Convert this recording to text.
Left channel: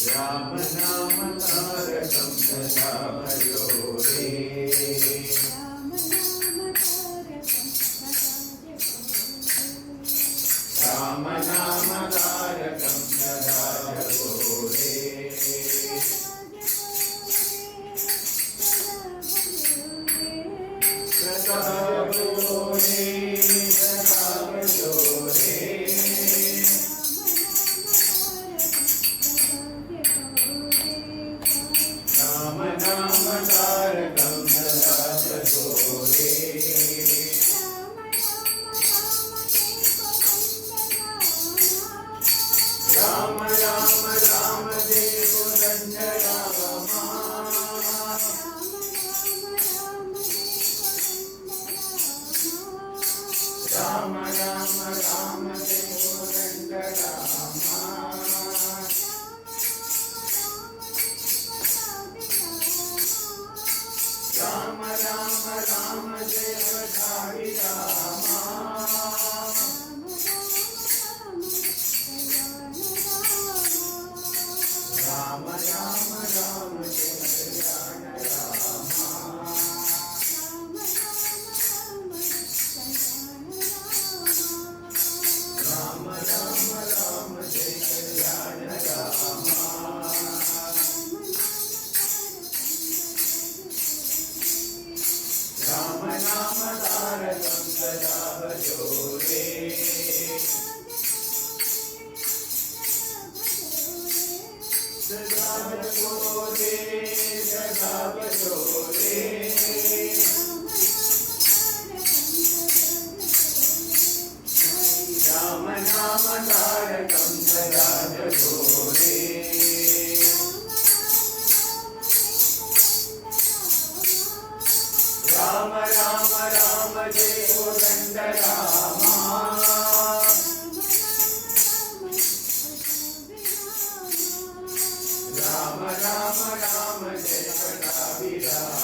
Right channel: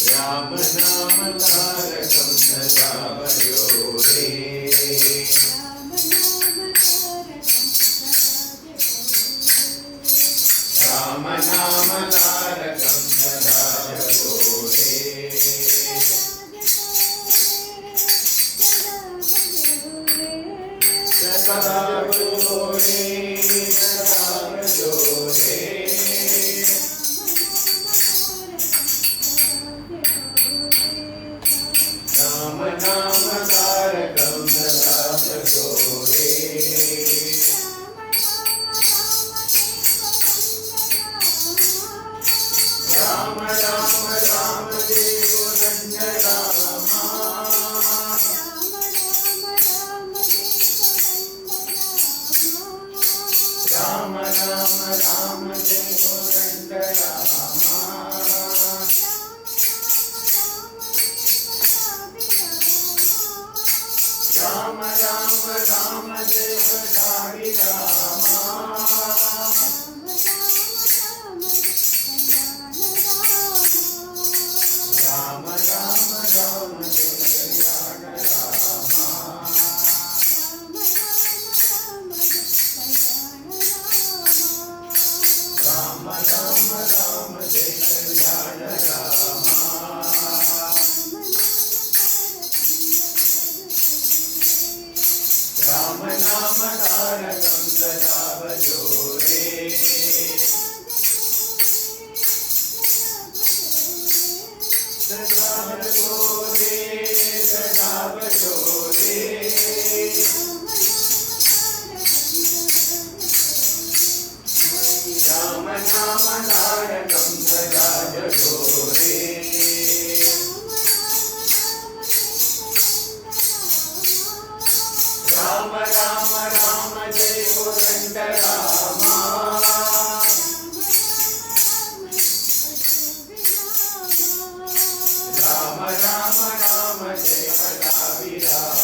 राम नाम तारकं सदा भजो रे। राम नाम तारकं सदा भजो रे। सदा भजो रे, सदा भजो रे। राम नाम तारकं सदा भजो रे। राम राम राम जय गोरंज रामा। राम राम राम जय गोरंज रामा। राम राम राम जय गोसावी रामा। राम राम राम जय कल्याण रामा। राम राम राम जय कल्याण रामा। राम नाम तारकं सदा भजो रे। सदा भजो रे, सदा भजो रे। राम नाम तारकं सदा भजो रे। राम राम राम जय गोरंज रामा। राम राम राम जय कटावी रामा।